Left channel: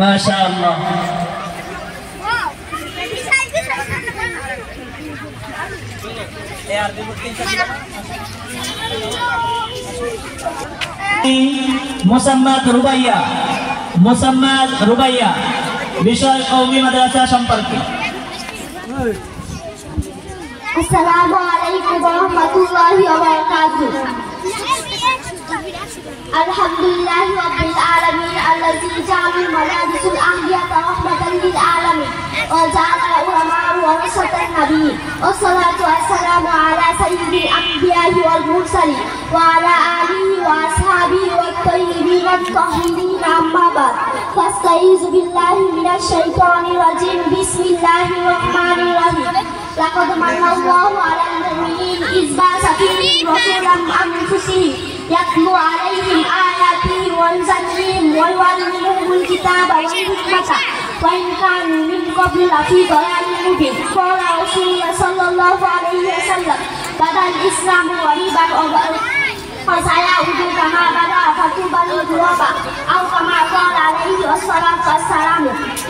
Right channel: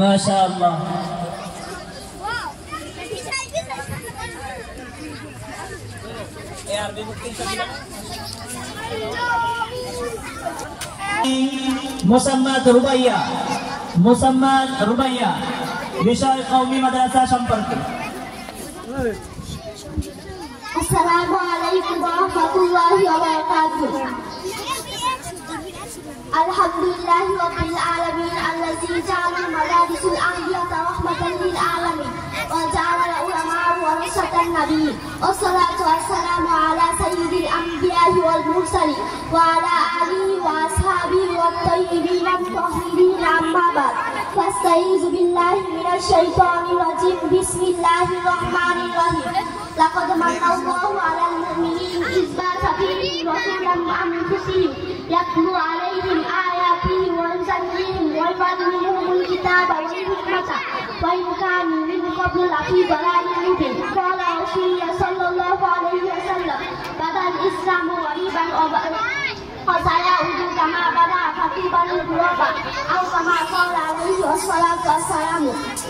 মাশাআল্লাহ। মোসাম্মদ রুবাইয়া বিষয় কওমি মাদ্রাসা সম্পর্কে। আসসালামু আলাইকুম ওয়া রাহমাতুল্লাহি ওয়া বারাকাতুহু। আলহামদুলিল্লাহি রাব্বিল আলামিন আল্লাযী জাআলাল মাদারিসুল আহদিয়াতা রাহমাতাল লিল আলামিন ওয়া জাআলাল উলামা ওয়ারাসাতান নাবিয়্যিন ওয়াসসালাতু ওয়াসসালামু আলা সাইয়্যিদিল আমবিয়া'i ওয়াল মুরসালিন ওয়া আলা আলিহি ওয়া আসহাবিহি ওয়াত তাইয়্যিবিন আত-তাহিরিন আম্মা বা'দ। ফাস্তাইযু বিল্লাহি মিনাশ শাইতানির রাজীম। বিসমিল্লাহির রাহমানির রাহিম। লাকাদ মান্নাল্লাহু আলাল মুমিনিনা ইয বা'আসা ফীহিম রাসূলাম মিন আনফুসিহিম يتلو عليهم آياته ويزكيهم ويعلمهم الكتاب والحكمة وإن كانوا من قبل لفي ضلال مبين. قال رسول الله صلى الله عليه وسلم بدأ الإسلام غريبا فسيعود كما بدأ فطوبى للغرباء أو كما قال عليه الصلاة والسلام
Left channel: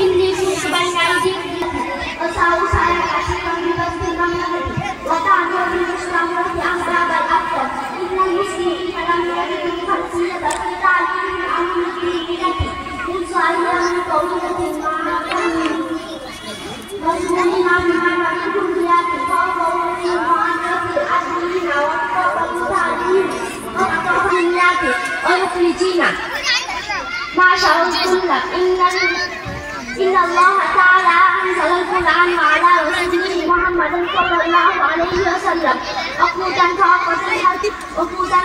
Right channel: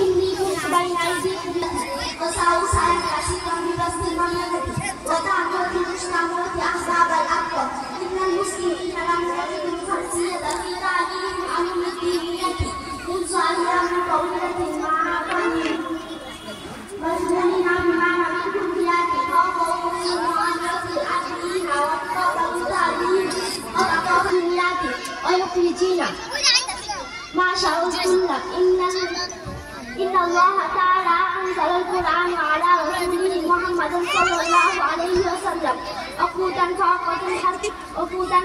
إني كنت بين أيديكم وسأل سائلا كثيرا بقصد المملكة وتعني بالإسلام أحباب الأكبر. إن المسلمين لم يجدوا خلفية في تعليمهم عن الدينية من صالحة من قولة مجموعين عما نحن بيات فوقهم وأنفس العدلين وأطفال التعليم وأطفاليات ويخرجين ما شاء السنة. إن الله تعالى أنزل القرآن على رسوله محمد صلى الله عليه وسلم عقودا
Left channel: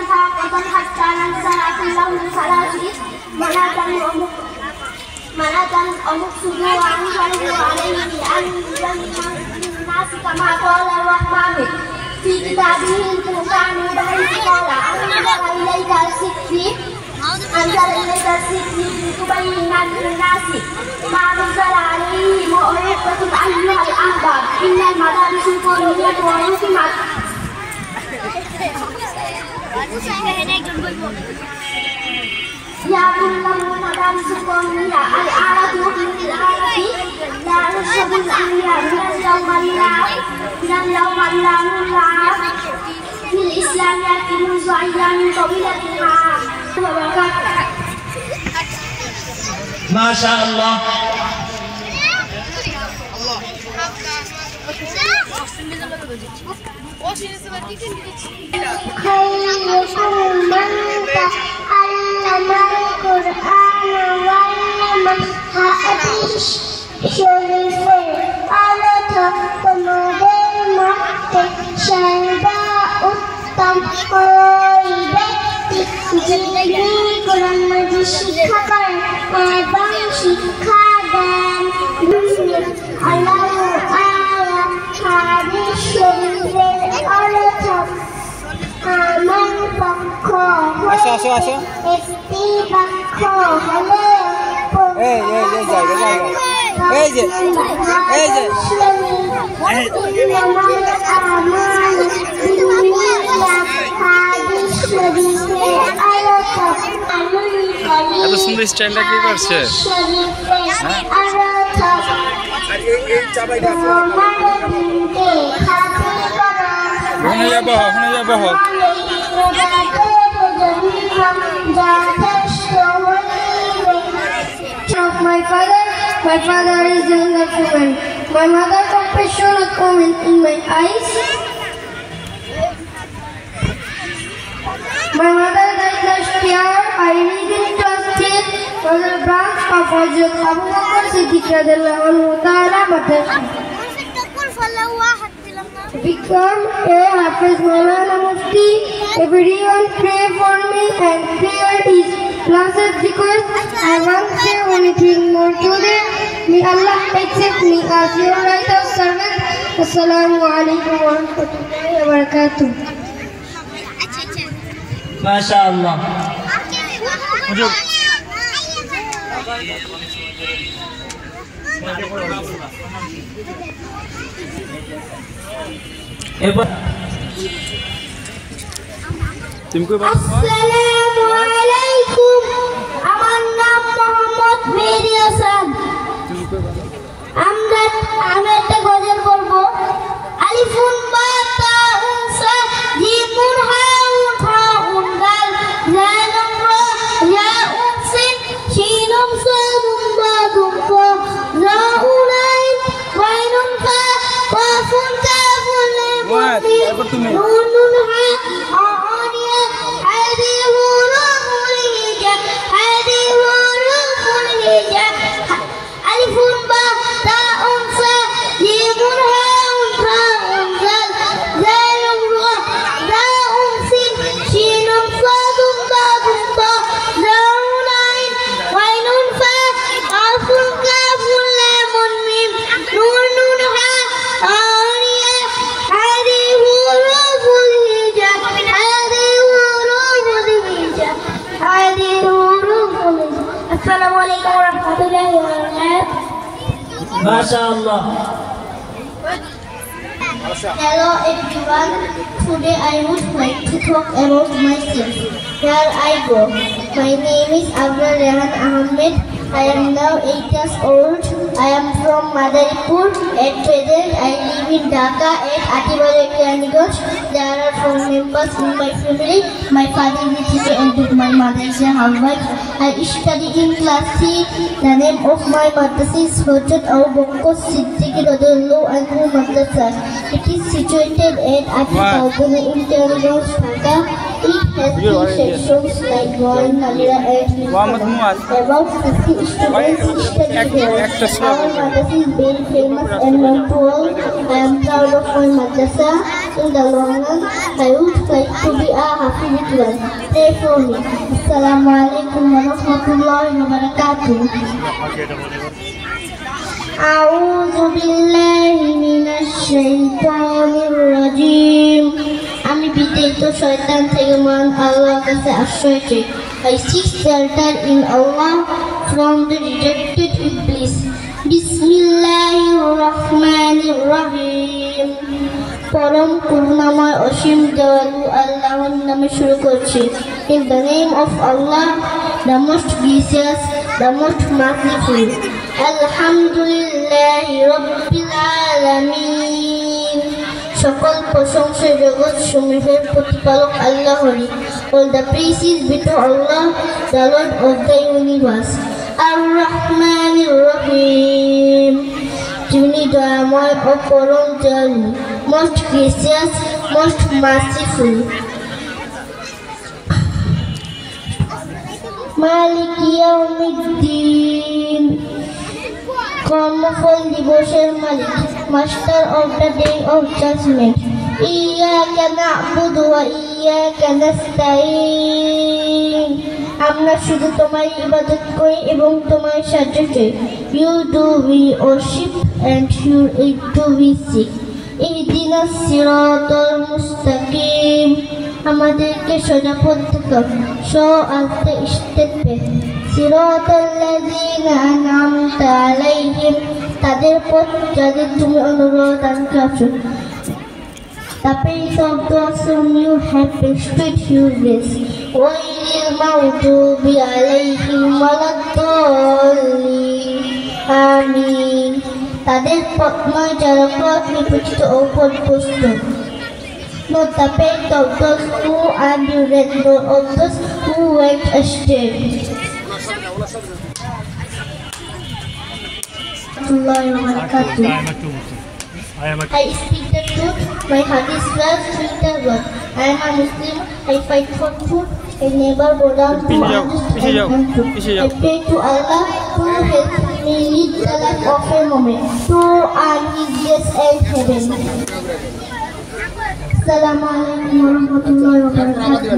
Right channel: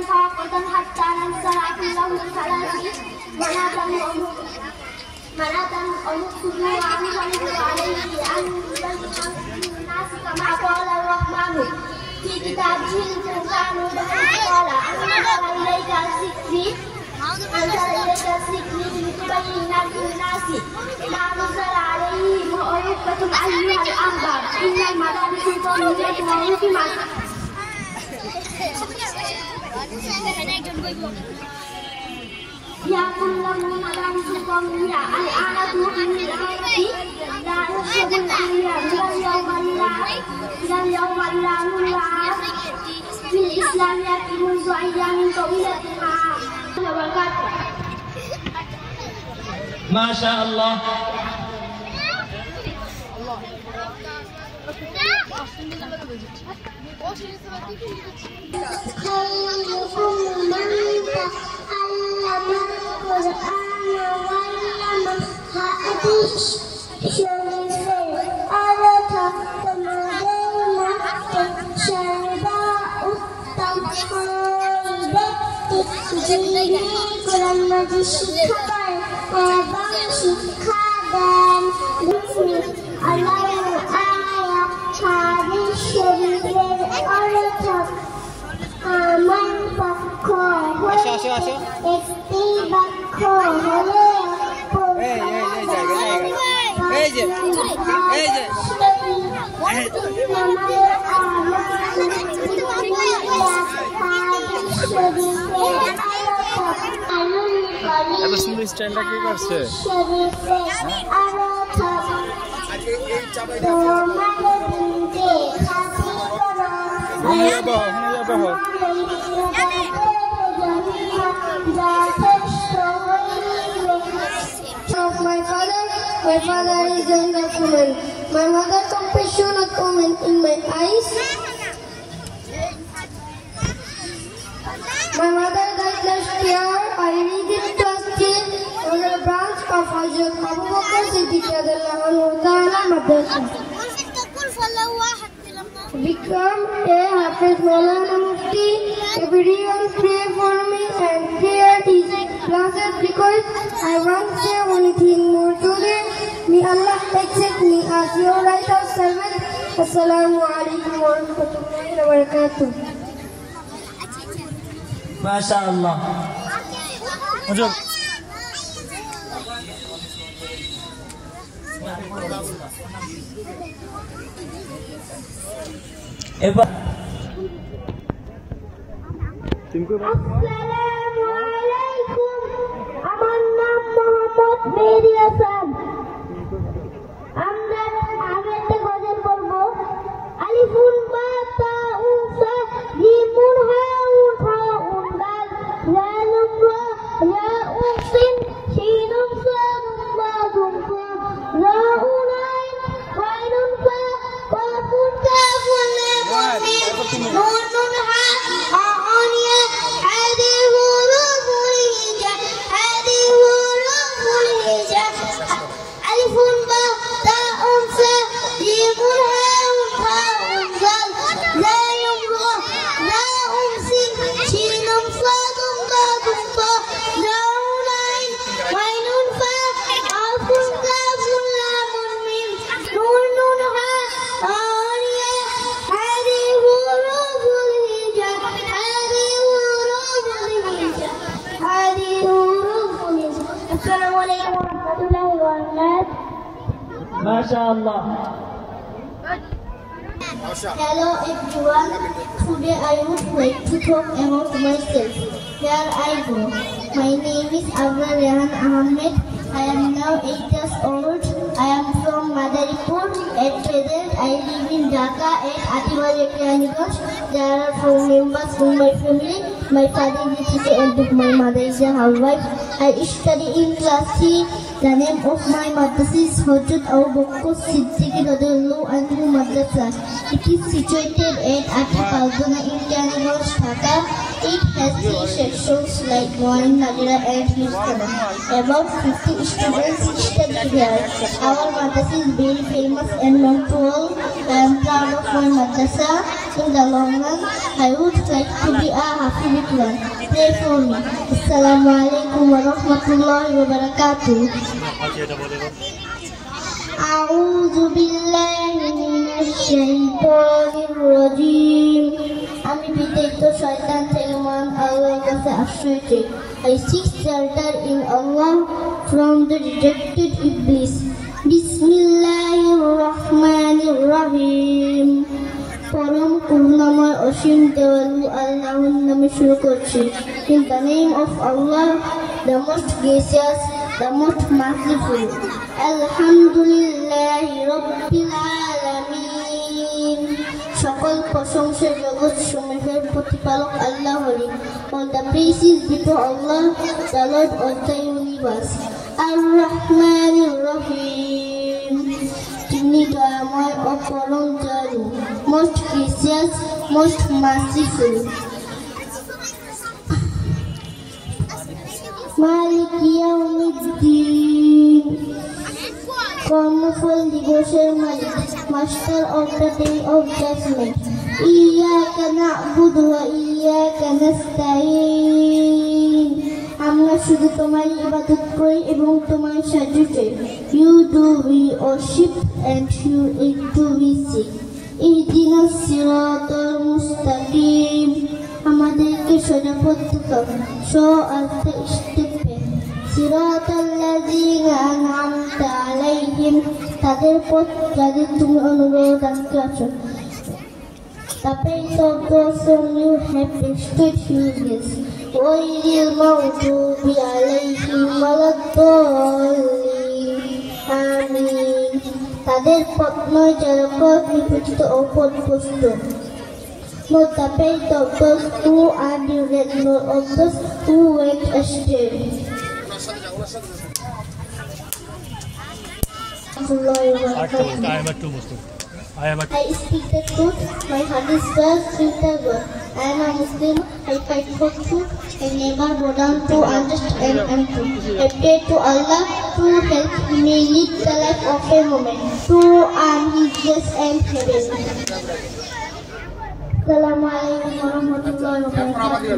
فاقة حتى نزل كله ثلاث مناة ومقصده وأنزله عليه لأن يبين للناس كما قال الرحمن في كتابه الفرقان بحيث قال أنزل إليك الذكر لتبين للناس ما نزل عليهم وأحبتم أيها الأحباب. إن المدارس القومية وحكمت يا كل المدارس القومية الآلة بالآلة لا يشهد الأنبياء من اليوم إلى نلعب في الإسلام يأتي منذ أيام طويلة وبركاته. ما شاء الله. خيركم من تعلم القرآن وعلمه. حديث شريف أردت ومدير مكتب شرباء উত্তম ওই ব্যক্তি যিনি কোরআন মাজিদ শিক্ষা করেন এবং শিক্ষা দেন। আল্লাহ আয়া হাদিস শরীফের অর্থ আমার পক্ষ হতে একটি বাক্য হলো সুন্দর স্টাইলটা কি করছে ওখানে যাবো My father is a woman. My mother compassion of woman in my eyes. My mother died last year. I read in class 10 was a branch of Hazrat Abu Bakr Siddiq radhiyallahu anhu ta'ala madrasa. Become a Hafiz Maulana Mufti. Everyone pray for me and prayer is blessed request. I won't say anything more today. May Allah accept me as your righteous servant. Assalamu alaikum wa rahmatullahi wa barakatuh. মাশাআল্লাহ। এবার আসসালামু আলাইকুম। আমার নাম Mohammad very awesome. আমি একটা গজল পড়বো। আলিফুন বা তাউন সা জিমুন হাউন ফাউন দাল জালুম রা ইয়াউন সিন শিনুম সাদুম বাদুম ফা রাউন আইন ওয়াইনুন ফা কাফুন কাফুন লাম নুন হা আনিয়া হাদি হুরুফুল হিজা হাদি হুরুফুল হিজা আলিফুন বা তাউন সা জিমুন হাউন ফাউন দাল জালুম রা ইয়াউন সিন শিনুম সাদুম বাদুম ফা রাউন আইন ওয়াইনুন ফা কাফুন কাফুন লাম মিম নুন হা আনিয়া হাদি হুরুফুল হিজা হাদি হুরুফুল হিজা হাদি হুরুফুল হিজা। আসসালামু আলাইকুম ওয়া রাহমাতুল্লাহি ওয়া বারাকাতুহু। মাশাআল্লাহ। Hello everyone, today I would like to talk about myself. Here I go. My name is Abdul Rehan Ahmed. I am now 8 years old. I am from Madaripur. At present, I live in Dhaka at Atibari Kiraniganj. There are 4 members in my family. My father is a teacher and my mother is a housewife. I study in class 3. The name of my madrasa is Hojat Abu Bakr Siddiq Radhiyallahu Anhu Madrasa. It is situated at Atibari in Kiraniganj, Dhaka. It has 3 sections like drawing, Kalira and about 50 students study here. Our madrasa is very famous and known to all. I am proud of my madrasa. In the long run, I would like to be a Hafid one. Pray for me. Assalamu alaikum wa rahmatullahi wa barakatuh. A'udhu billahi minash shaitanir rajim. আমি বিতাড়িত শয়তান থেকে মহান আল্লাহর কাছে আশ্রয় চাই। I seek shelter in Allah from the rejected Iblis. Bismillahirrahmanirrahim. পরম করুণাময় অসীম দয়ালু আল্লাহর নামে শুরু করছি। In the name of Allah, the most gracious, the most merciful. Alhamdulillahi Rabbil Alamin. সকল প্রশংসা জগৎ সমূহের প্রতিপালক আল্লাহরই। All the praises be to Allah, the Lord of the universe. Ar-Rahmanir Rahim. যিনি দয়াময় ও পরম দয়ালু, most gracious, most merciful. মালিক ইয়াউমিদ্দিন। কর্মফল দিবসের মালিক, master of the day of judgement. ইয়াকা না'বুদু ওয়া ইয়াকা নাস্তাঈন। আমরা শুধু তোমারই ইবাদত করি এবং তোমার সাহায্য চাই। You do we worship and you do we seek. ইহদিনাস সিরাতাল মুস্তাকিম। আমাদেরকে সোজা পথ দেখাও। আনতে ইস্তেকবে সিরাতাল লাযিনা আন'আমতা আলাইহিম। তাদের পথ যাদের তুমি অনুগ্রহ দান করেছো। The pace of those whom you have bestowed you with. Ghayril maghdubi alayhim waladdallin. Amin. তাদের পথ নয় যারা পথ বিপরীত ও পথভ্রষ্ট। Not the path of those who are ignorant, nor of those who went astray. I speak the truth, my heart is well, sweet and blood. I am a Muslim, I fight for truth, I never go down to unjust and untruth. I pray to Allah to help me lead the life of a moment, to earn His grace and heaven. Assalamu alaikum wa rahmatullahi wa barakatuh.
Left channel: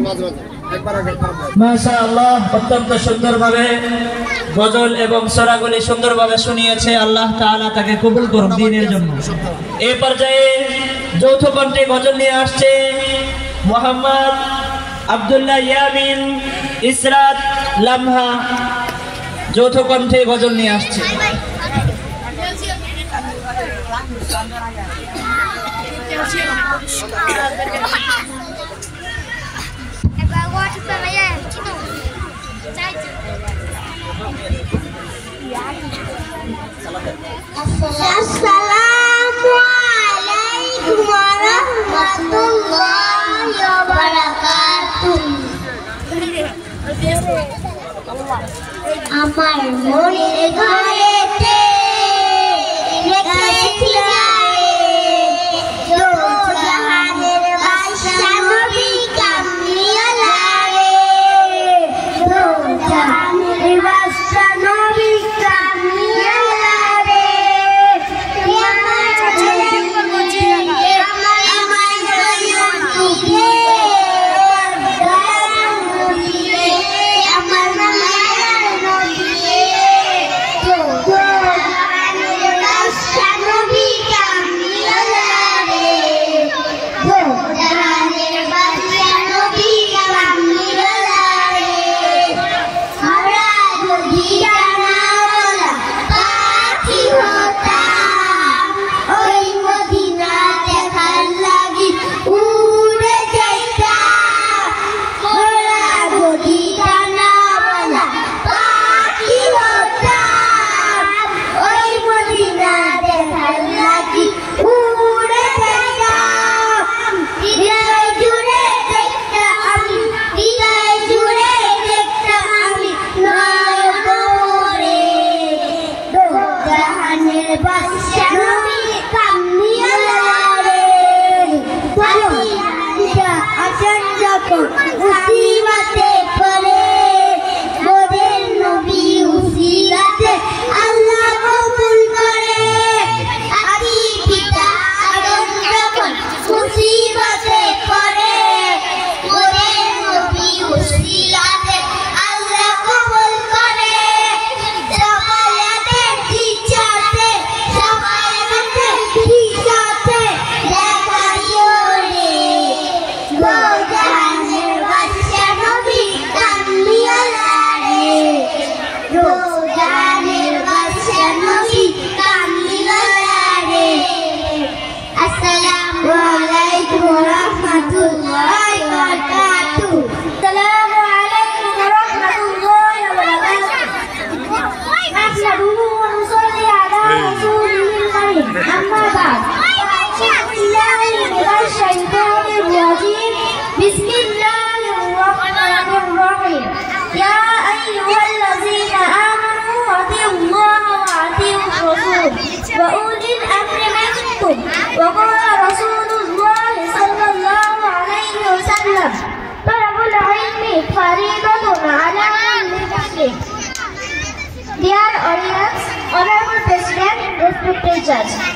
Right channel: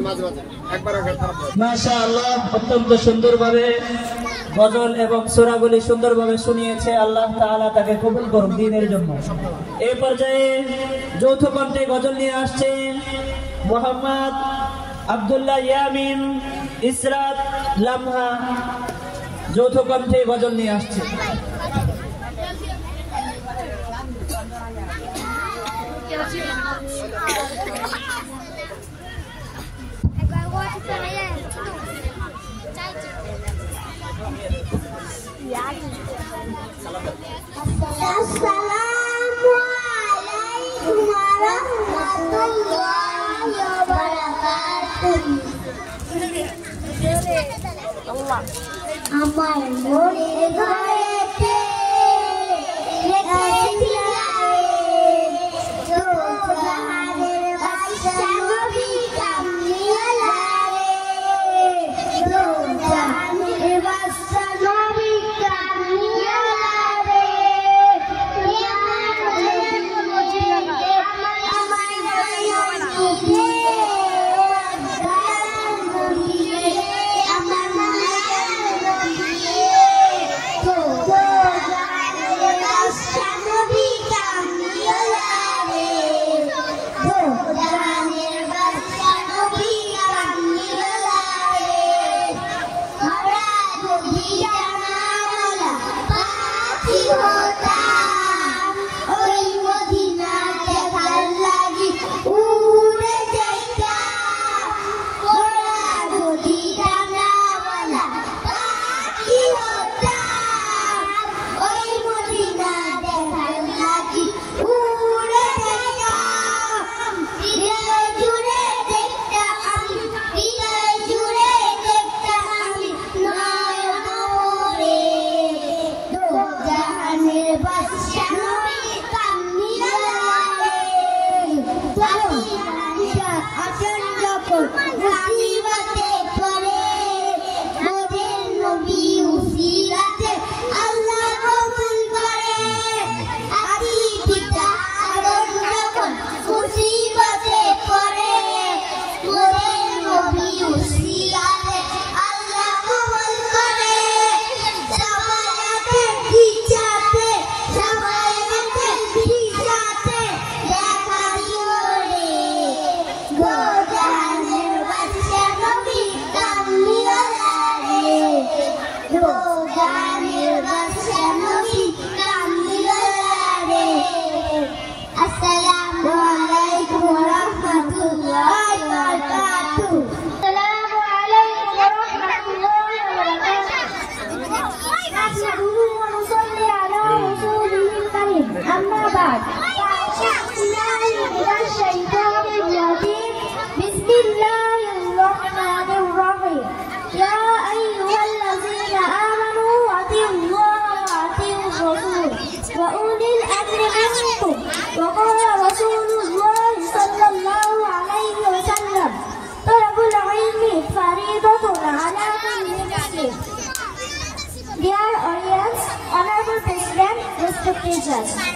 মাশাআল্লাহ, অত্যন্ত সুন্দরভাবে গজল এবং সূরাগুলি সুন্দরভাবে শুনিয়েছে। আল্লাহ তাআলা তাকে কবুল করুন দ্বীনের জন্য। এই পর্যায়ে যৌথ কণ্ঠে গজল নিয়ে আসছে মোহাম্মদ আব্দুল্লাহ ইয়ামিন ইসরাত লামহা। যৌথ কণ্ঠে গজল নিয়ে আসছে। Assalamualaikum warahmatullahi wabarakatuh. আমার মনের ঘরেতে রেখেছি জাহানের বাদশা নবী কামলিওয়ালা রে, জাহানের বাদশা নবী কামলিওয়ালা রে, আমার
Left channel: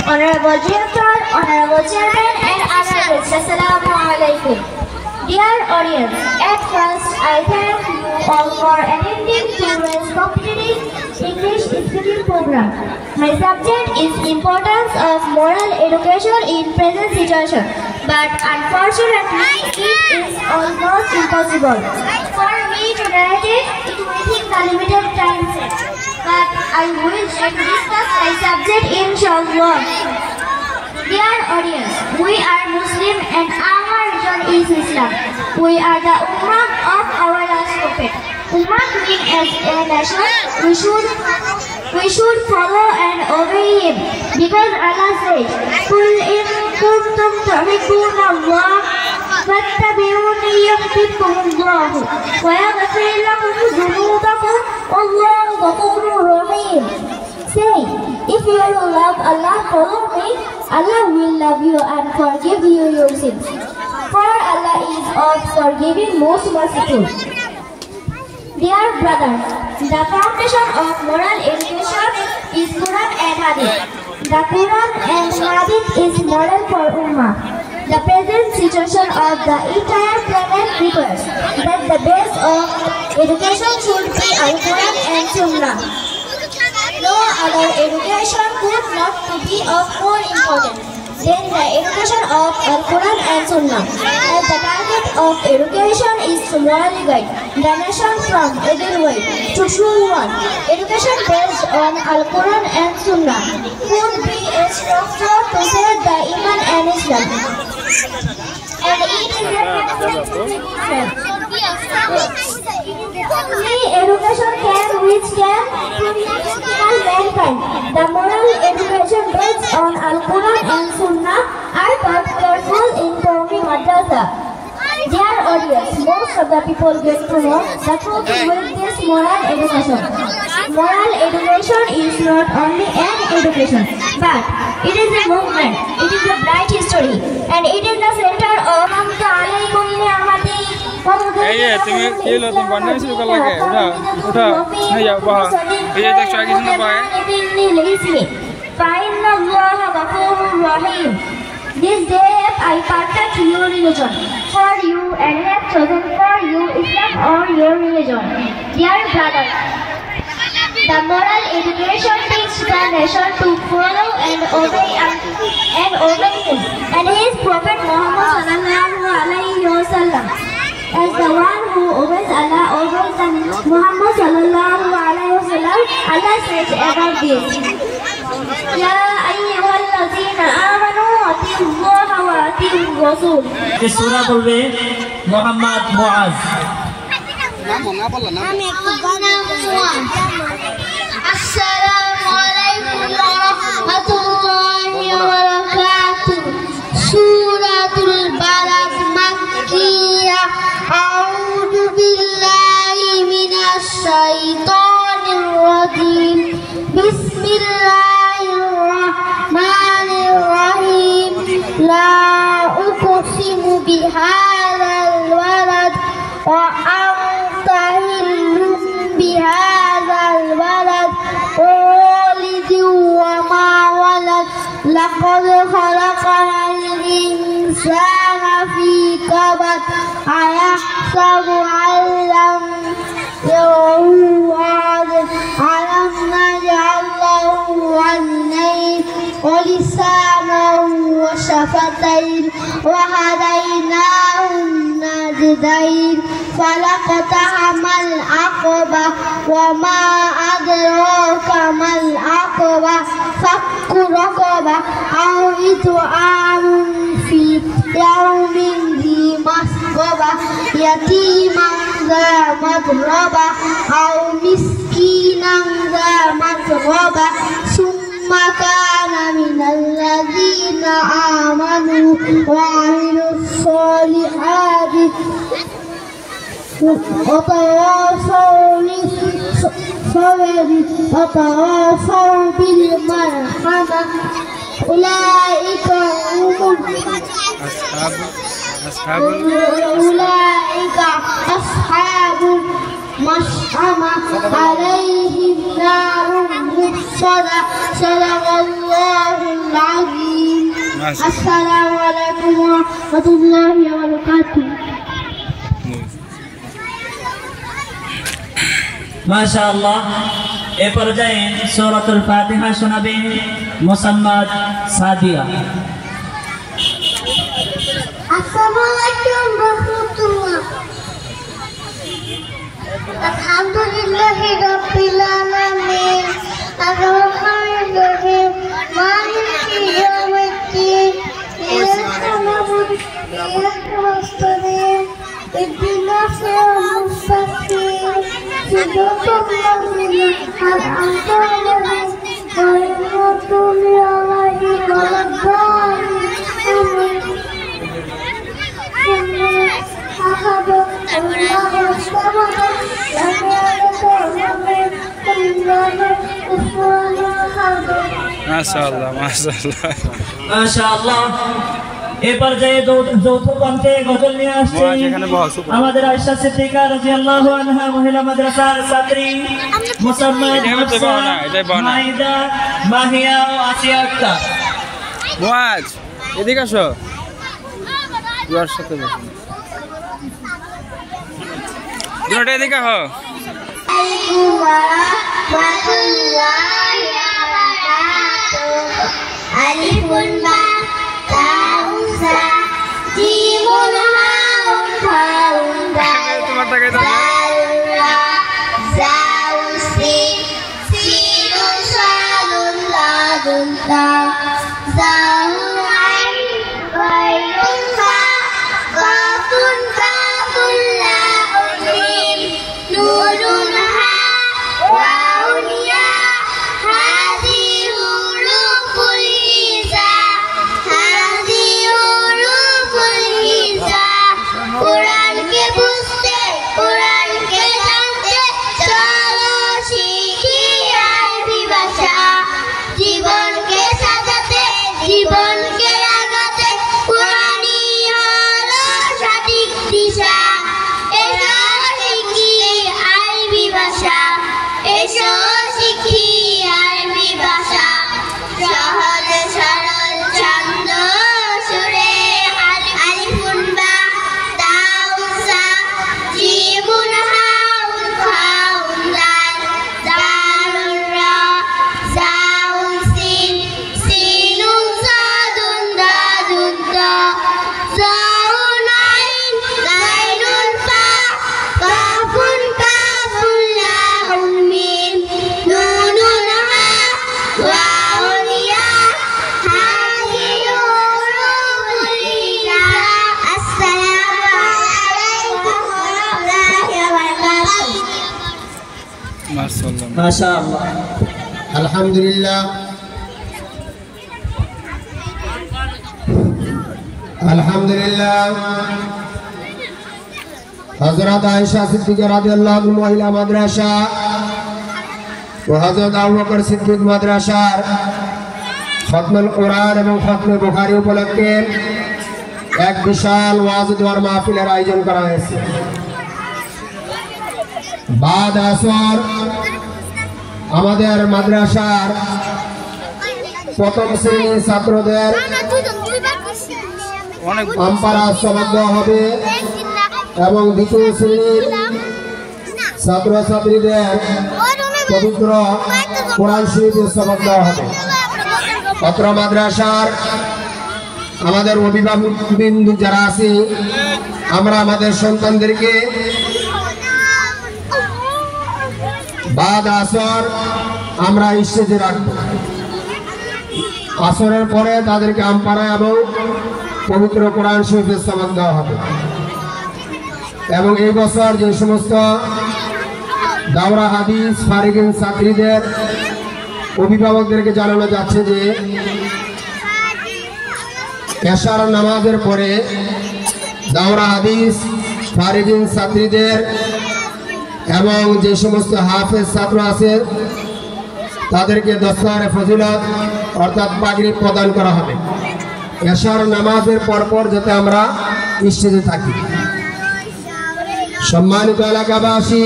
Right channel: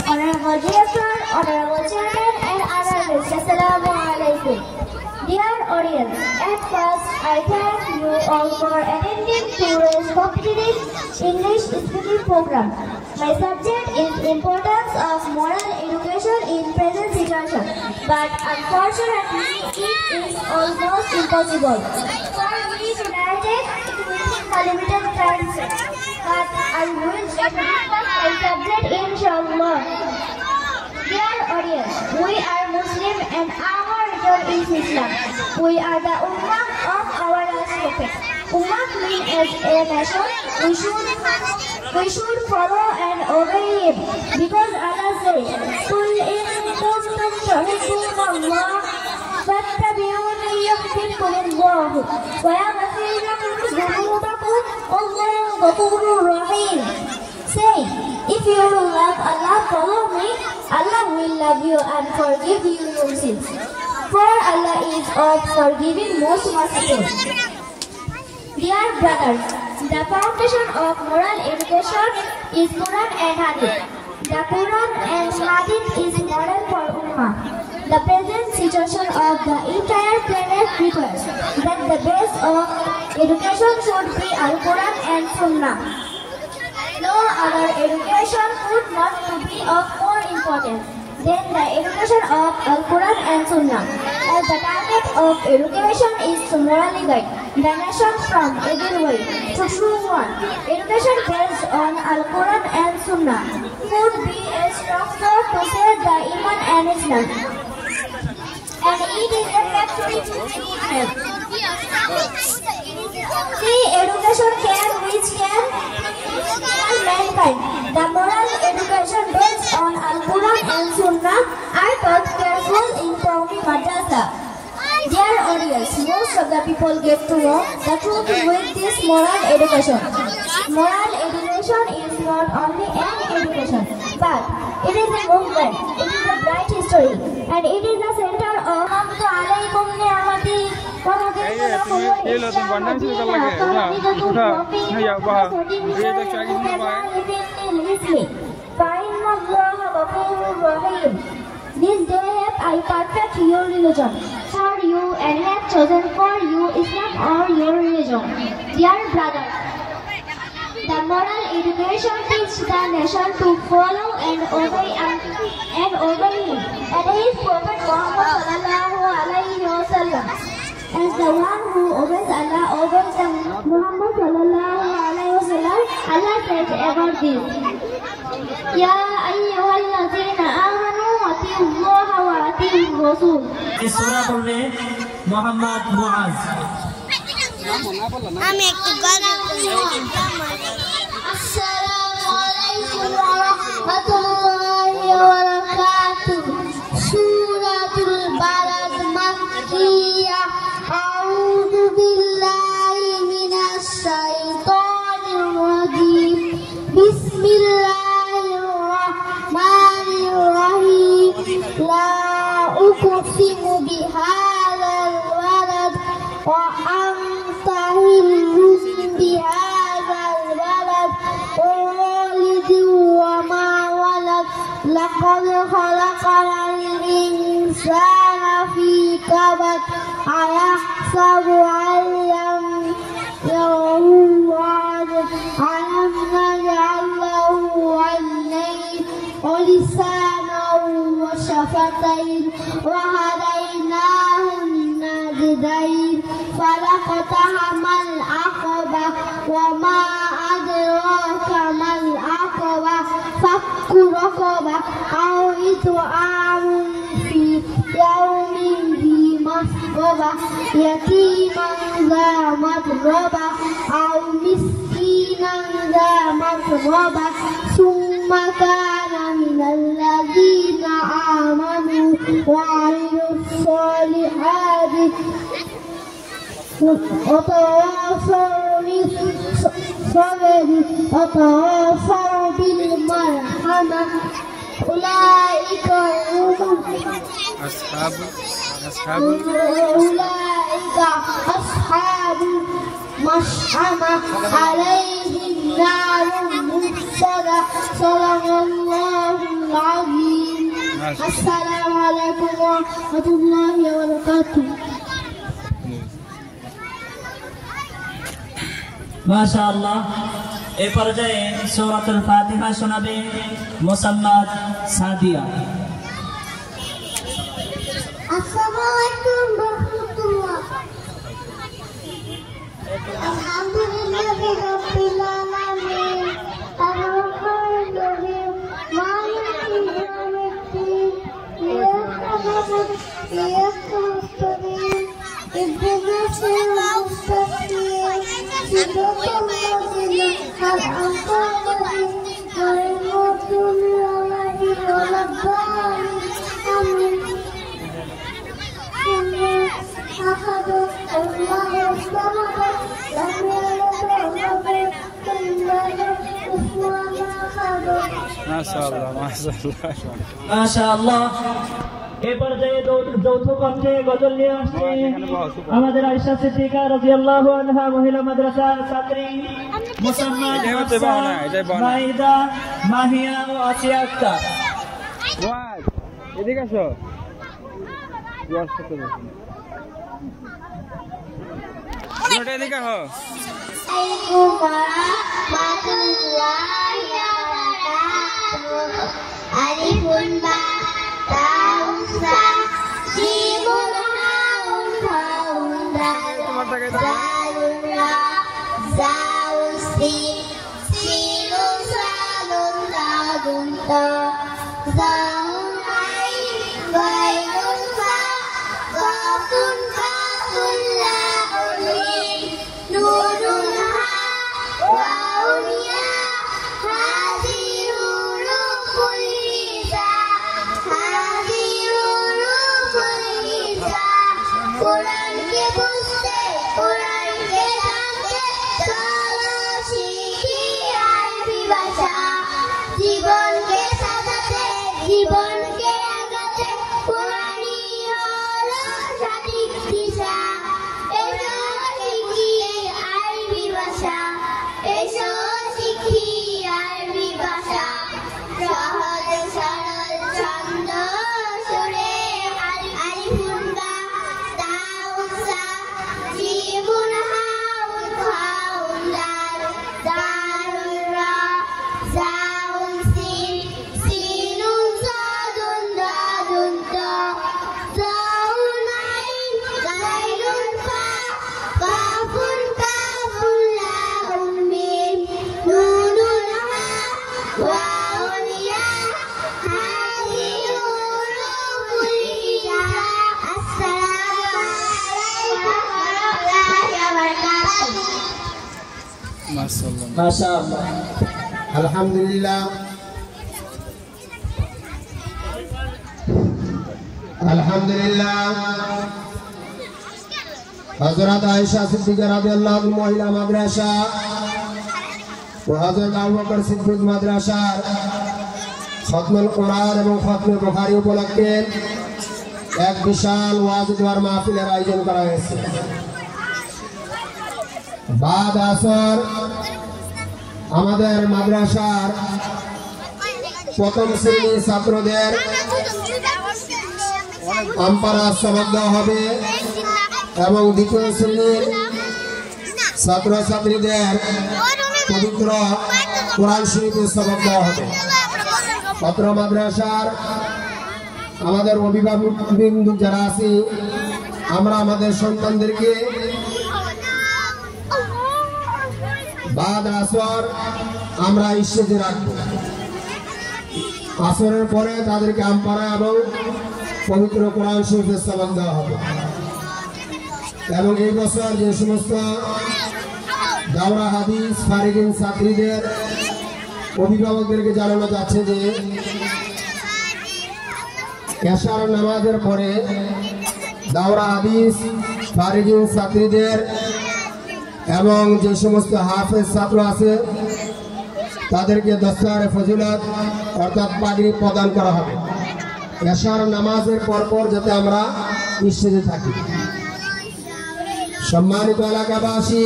Honorable Director, Honorable Chairman and other guests, Assalamu alaikum. Dear audience, at first I thank you all for attending today's competitive English speaking program. My subject is importance of moral education in present situation, but unfortunately it is almost impossible for me to narrate it within the limited time set. But I will try to discuss my subject inshallah. Dear audience, we are Muslim and our religion is Islam. We are the Ummah of our last prophet. Ummah means as a nation, we should follow and obey him. Because Allah says, قُلْ إِن كُنتُمْ تُحِبُّونَ اللَّهَ فَاتَّبِعُونِي يُحْبِبْكُمُ اللَّهُ وَيَغْفِرْ لَكُمْ ذُنُوبَكُمْ وَاللَّهُ غَفُورٌ رَحِيمٌ. Say, if you love Allah, follow me, Allah will love you and forgive you your sins. For Allah is of forgiving, most merciful. Dear brothers, the foundation of moral education is Quran and Hadith. The Quran and Hadith is moral for Ummah. The present situation of the entire planet requires that the base of education should be Al-Quran and Sunnah. No other education could not be of more importance than the education of Al-Quran and Sunnah. As the target of education is to morally guide the nation from evil way to true one. Education based on Al-Quran and Sunnah would be a structure to save the Iman and Islam. And it is a practical only education which can produce critical The moral education based on Al-Quran and Sunnah are taught careful in Tawfi Madrasa. Dear audience, most of the people get to know the truth with this moral education. Moral education is not only an education, but it is a movement, it is a bright history, and it is the center of This day I perfect your religion for you and have chosen for you Islam or your religion. Dear brother, the moral education teaches the nation to follow and obey him and his prophet Muhammad sallallahu alaihi wasallam. As the one who obeys Allah obeys the Muhammad sallallahu alaihi wasallam, Allah says about this. Ya ayyuhallazina amanu atiiu Allah wa atiiur rasul. এই সূরা বলবে মোহাম্মদ মুআজ। আমি একটু গানা আসসালামু আলাইকুম ওয়া রাহমাতুল্লাহি ওয়া বারাকাতুহু। সূরাতুল বালাদ মাক্কিয়া। আউযু বিল্লাহি মিনাশ শাইতানির রাজিম। বিসমিল্লাহির রাহমানির রাহিম। লা উকসিমু বিহাযাল ওয়ালাদ ওয়া আনতা হিল্লুম বিহাযাল ওয়ালাদ ওয়ালিদি ওয়া মা ওয়ালাদ লাকাদ খালাকনাল ইনসানা ফি কাবাদ আয়াহসাবু আল্লাম ইয়ারাহু আ'লাম আলাম নাজআল লাহু আ'নাইন ওয়া লিসানান ওয়া শাফাতাইন ওয়া হাদাইনাহুন নাজদাইন ফালাকতাহামাল আকাবা ওয়া মা আদরাকা মাল আকাবা ফাক্কু রাকাবা আও ইতআমুন ফি ইয়াউমিন ذي مسغبة يتيما ذا متربة أو مسكينا ذا متربة ثم كان من الذين آمنوا وعملوا الصالحات وتواصوا بالصبر وتواصوا بالمرحمة أولئك هم أولئك أصحاب المشأمة عليهم نار مؤصدة صدق الله العظيم. السلام عليكم ورحمة الله وبركاته. মাশাআল্লাহ। এ পর্যায়ে সূরাতুল ফাতিহা শোনাবে Mosammat Sadia. Assalamualaikum warahmatullah. Alhamdulillahi rabbil alamin. Ar-Rahmanir Rahim. Maliki yawmiddin. Iyyaka na'budu wa iyyaka nasta'in. Ihdinas siratal mustaqim. Siratal ladzina an'amta 'alaihim ghairil maghdubi 'alaihim waladdallin. Amin. মাশাআল্লাহ মাশাআল্লাহ মাশাআল্লাহ। এই পর্যায়ে যৌথ কণ্ঠে গজল নিয়ে আসছে আমাদের আয়েশা সিদ্দিকা রাদিয়াল্লাহু আনহা মহিলা মাদ্রাসার ছাত্রী মুসাম্মদ হাফসা মাইদা মাহিয়া ও আসিয়া আক্তার। মুআজ এদিকে আসো, দুয়ার সাথে বসো, দুটো এদিকে হো। Alifun ba taun sa jimun haun faun dal dalun ra zaun sin sinun salun ladun ta zaun ain gairun fa kafun laun mim nurun ha waun ya hadhi মাশাআল্লাহ। আলহামদুলিল্লাহ আলহামদুলিল্লাহ। হযরত আয়েশা সিদ্দিকা রাদিয়াল্লাহু আনহা মহিলা মাদ্রাসা ও হযরত আবু বকর সিদ্দিক মাদ্রাসার খতমুল কোরআন এবং খতমে বুখারী উপলক্ষে এক বিশাল ওয়াজ দোয়ার মাহফিলের আয়োজন করা হয়েছে। বাদ আসর আমাদের মাদ্রাসার প্রথম শ্রেণীর ছাত্রদের আমপারা সবক দেওয়া হবে এবং দ্বিতীয় শ্রেণীর ছাত্রছাত্রীদের পবিত্র কোরআন শরীফের সবক দেওয়া হবে। অত্র মাদ্রাসার আমাদের অভিভাবকবৃন্দ যারা আছি আমরা আমাদের সন্তানদেরকে বাদ আসর আমরা স্টেজে রাখবো। আসরের পরে তাদেরকে আমপারা এবং পবিত্র কোরআন শরীফের সবক দেওয়া হবে। এবং এই বছর যে সমস্ত দাওরা হাদিস ফারিগিন ছাত্রীদের অভিভাবকদেরকে জানানো যাচ্ছে যে এশার নামাজের পরে দাওরা হাদিস ফারিগিন ছাত্রীদের এবং যে সমস্ত হাফেজ ছাত্র আছে তাদেরকে দস্তারে ফজিলত অর্থাৎ পাগড়ি প্রদান করা হবে। এশার নামাজের পরপর যাতে আমরা স্টেজে থাকি। সম্মানিত এলাকাবাসী,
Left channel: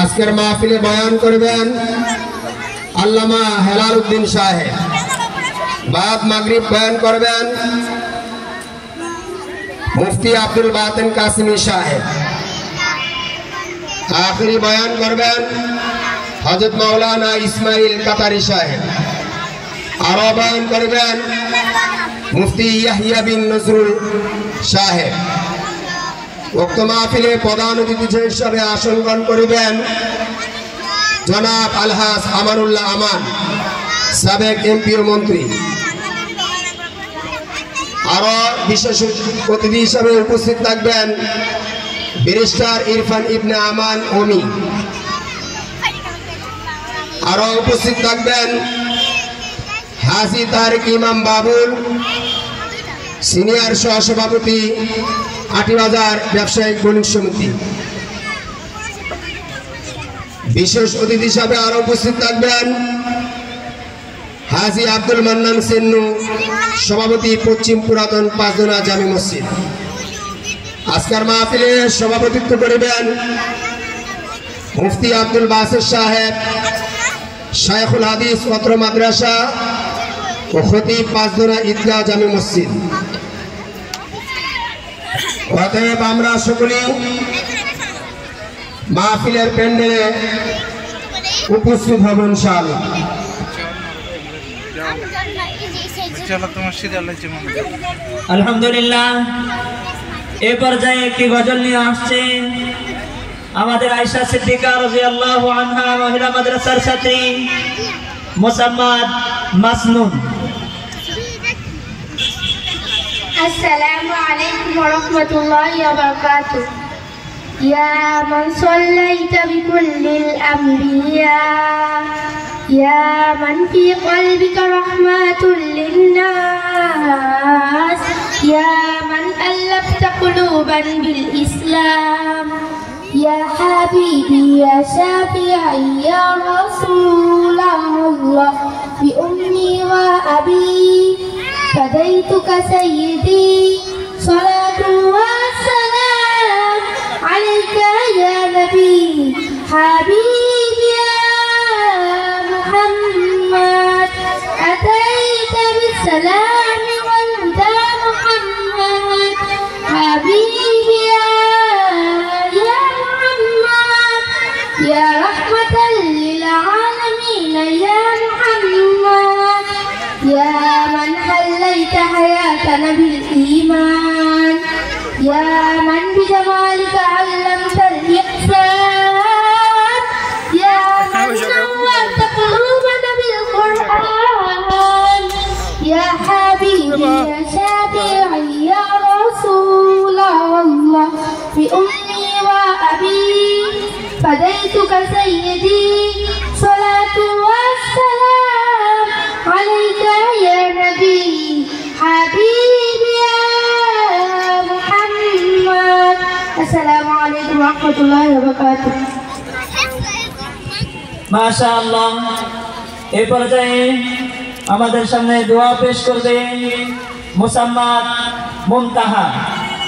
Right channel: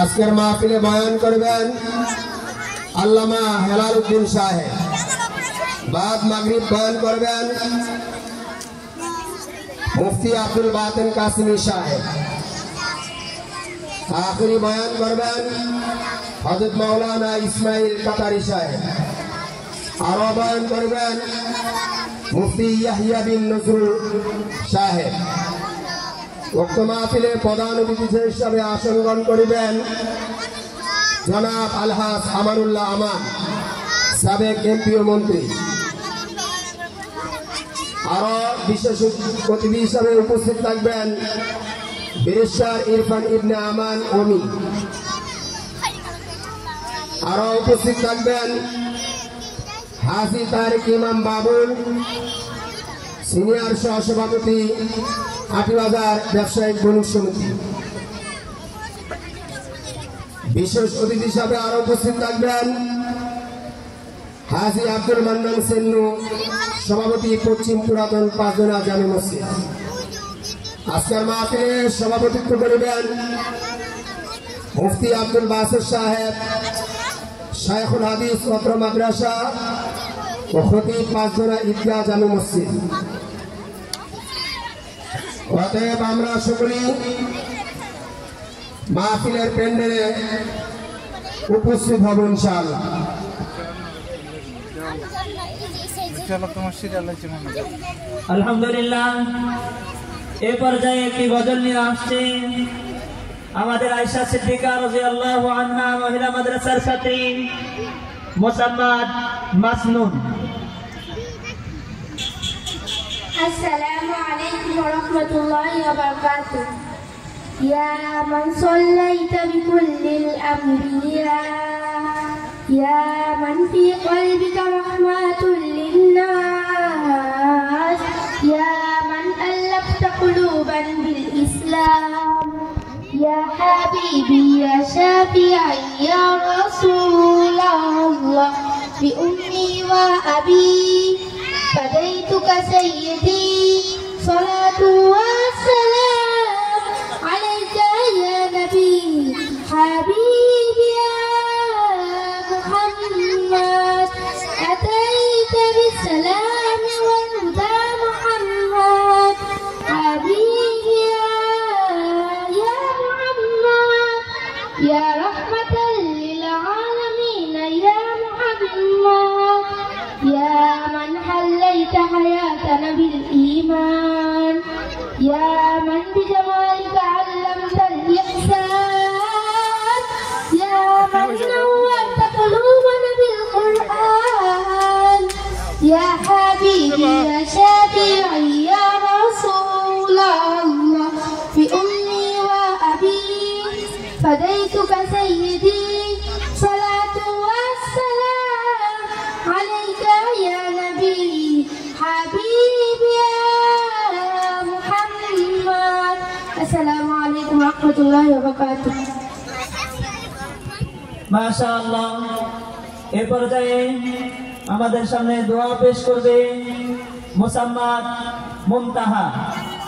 আজকের মাহফিলে বয়ান করবেন আল্লামা হেলাল উদ্দিন সাহেব। বাদ মাগরিব বয়ান করবেন মুফতি আব্দুল বাতেন কাসিমি সাহেব। আখরি বয়ান করবেন হযরত মাওলানা ইসমাইল কাতারি সাহেব। আরো বয়ান করবেন মুফতি ইয়াহিয়া বিন নজরুল সাহেব। উক্ত মাহফিলে প্রধান অতিথি হিসেবে আসন গ্রহণ করিবেন জনাব আলহাজ আমানুল্লাহ আমান, সাবেক এমপি ও মন্ত্রী। আরো বিশেষ অতিথি হিসেবে উপস্থিত থাকবেন ব্যারিস্টার ইরফান ইবনে আমান ওমি। আরো উপস্থিত থাকবেন হাজী তারিক ইমাম বাবুল, সিনিয়র সহসভাপতি আটিবাজার ব্যবসায়িক বণিক সমিতি। বিশেষ অতিথি হিসাবে আরো উপস্থিত থাকবেন হাজী আব্দুল মান্নান সিন্নু, সভাপতি পশ্চিম পুরাতন পাঁচদোনা জামি মসজিদ। আজকের মাহফিলে সভাপতিত্ব করিবেন মুফতি আব্দুল বাসির সাহেব, শায়খুল হাদিস অত্র মাদ্রাসা ও খতিব পাঁচদোনা ঈদগাহ জামি মসজিদ। অতএব আমরা সকলেই মাহফিলের প্যান্ডেলে উপস্থিত হব ইনশাআল্লাহ। আলহামদুলিল্লাহ। এ পর্যায়ে একটি গজল নিয়ে আসছে আমাদের আয়েশা সিদ্দিকা রাদিয়াল্লাহু আনহা মহিলা মাদ্রাসার ছাত্রী মুসাম্মাদ মাসনুন। السلام عليكم ورحمة الله وبركاته. يا من صليت بكل الأنبياء، يا من في قلبك رحمة للناس، يا من ألفت قلوبا بالإسلام، يا حبيبي يا شافعي يا رسول الله، بأمي وأبي فديتك سيدي، صلاة والسلام عليك يا نبي حبيبي يا محمد، أتيت بالسلام والهدى محمد، حبيبي يا محمد، يا رحمة للعالمين يا محمد، يا من حليت حياتنا بالإيمان، يا من بجمالك علمت الإحسان، يا من نورت قلوبنا بالقرآن، يا حبيبي يا شافعي يا رسول الله، بأمي وأبي فديتك سيدي، warahmatullahi wabarakatuh. মাশাআল্লাহ। এই পর্যায়ে আমাদের সামনে দোয়া পেশ করবে মুসাম্মাদ মুনতাহা।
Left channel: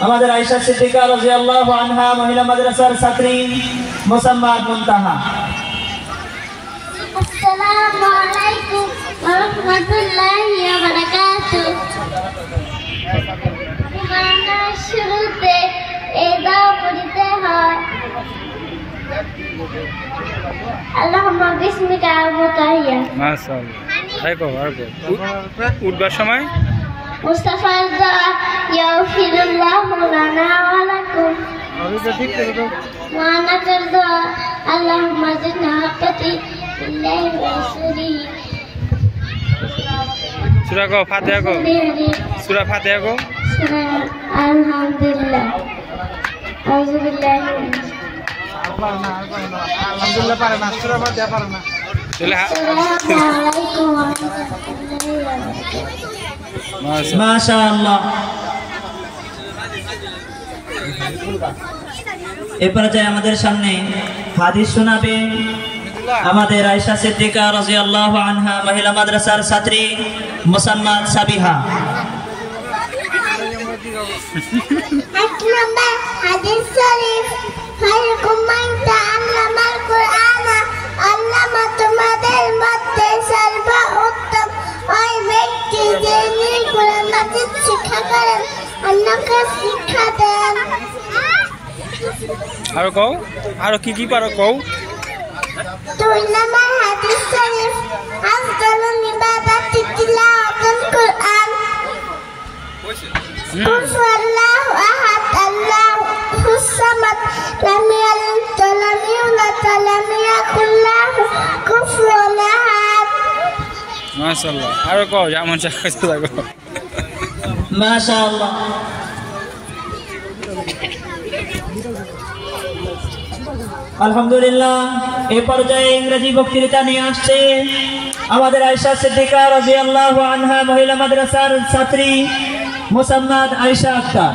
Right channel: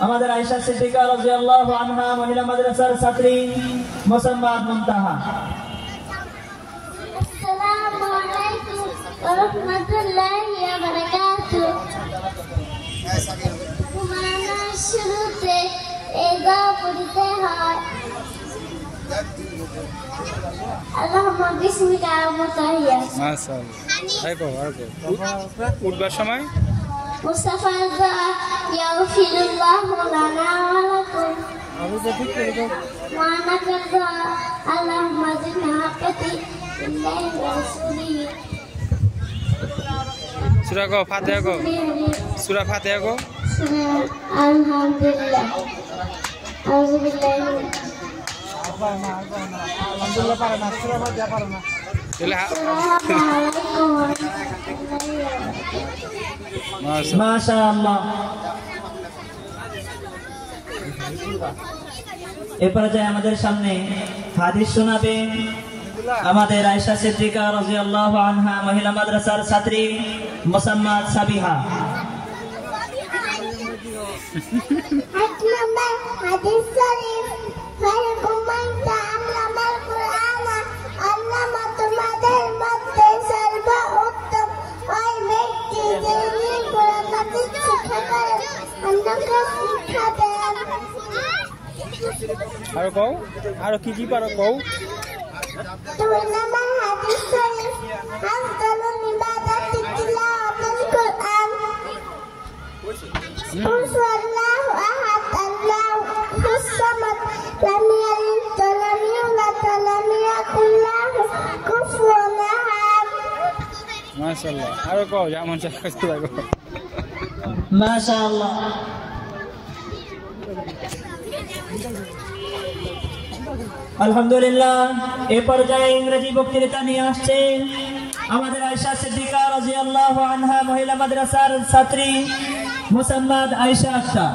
আমাদের আয়েশা সিদ্দিকা রাদিয়াল্লাহু আনহা মহিলা মাদ্রাসার ছাত্রী মুসাম্মাদ মুনতাহা। আসসালামু আলাইকুম ওয়া রাহমাতুল্লাহি ওয়া বারাকাতুহু। মানার শুরুতে এই দোয়া পড়তে হয়, আল্লাহুম্মা বিসমিকা আবতাহিয়া। মাশাআল্লাহ। তাই কো আর কো উঠবার সময় মুস্তাফার দোয়া, ইয়াগফিরুল্লাহু লানা ওয়া লাকুম। ওয়ানাকার দোয়া, আল্লাহুম্মা জিদনা হাক্কাতি বিল্লাহি ওয়া রাসূলিহি। সূরা কো ফাতিহা কো সূরা ফাতিহা কো আলহামদুলিল্লাহ। আউযু বিল্লাহি মিনাশ আলহামদুলিল্লাহ পারে না, সূরা ফাতিহা পারে না। আসসালামু আলাইকুম ওয়া রাহমাতুল্লাহি ওয়া বারাকাতুহু। মাশাআল্লাহ। এই পর্যায়ে আমাদের সামনে হাদিস শোনাবেন আমাদের আয়েশা সিদ্দিকা রাদিয়াল্লাহু আনহা মহিলা মাদ্রাসার ছাত্রী মুসাম্মাদ সাবিহা। নম্বর হাদিস শরীফ, খায়রুকুম মান তাআল্লামাল কুরআনা। আল্লামা, তোমাদের মধ্যে সর্বোত্তম ওই ব্যক্তি যিনি কুরআন মাজিদ শিক্ষা করেন, অন্যকে শিক্ষা দেন। আর কো আর কি পারো কও। 2 নম্বর হাদিস শরীফ, আফদালুল ইবাদাতি তিলাওয়াতুল কুরআন। قل هو الله أحد الله الصمد لم يلد ولم يولد ولم يكن له كفوا أحد। মাশাআল্লাহ। আর কো যেমন চাইছো দেখো। মাশাআল্লাহ। আলহামদুলিল্লাহ। এই পর্যায়ে ইংরেজি বক্তৃতা নিয়ে আসছে আমাদের আয়েশা সিদ্দিকা রাদিয়াল্লাহু আনহা মহিলা মাদ্রাসার ছাত্রী Mosammat Ayesha Akter.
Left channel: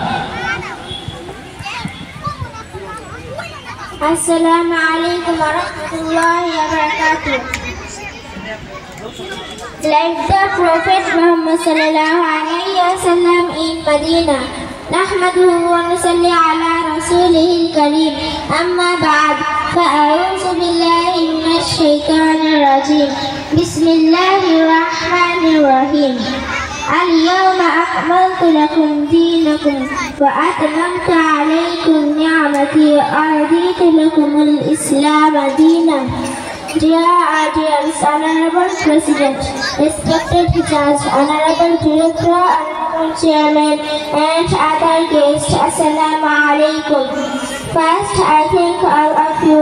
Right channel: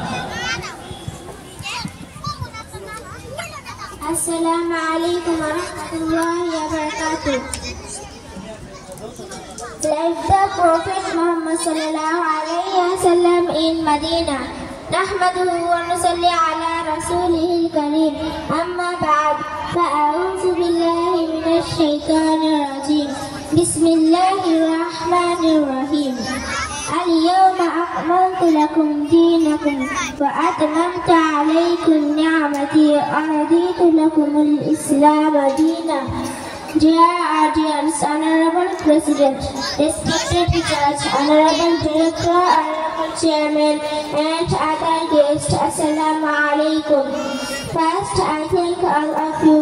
Assalamu alaikum wa rahmatullahi wa barakatuh. Like the Prophet Muhammad sallallahu alayhi wa sallam in Medina, نحمده ونصلي على رسوله الكريم. أما بعد، فأعوذ بالله من الشيطان الرجيم. بسم الله الرحمن الرحيم. اليوم أكملت لكم دينكم وأتممت عليكم نعمتي ورضيت لكم الإسلام دينا. Dear audience, Honorable President, respected Judge, Honorable Director, Honorable Chairman, and other guests, Assalamu alaikum. First, I thank all of you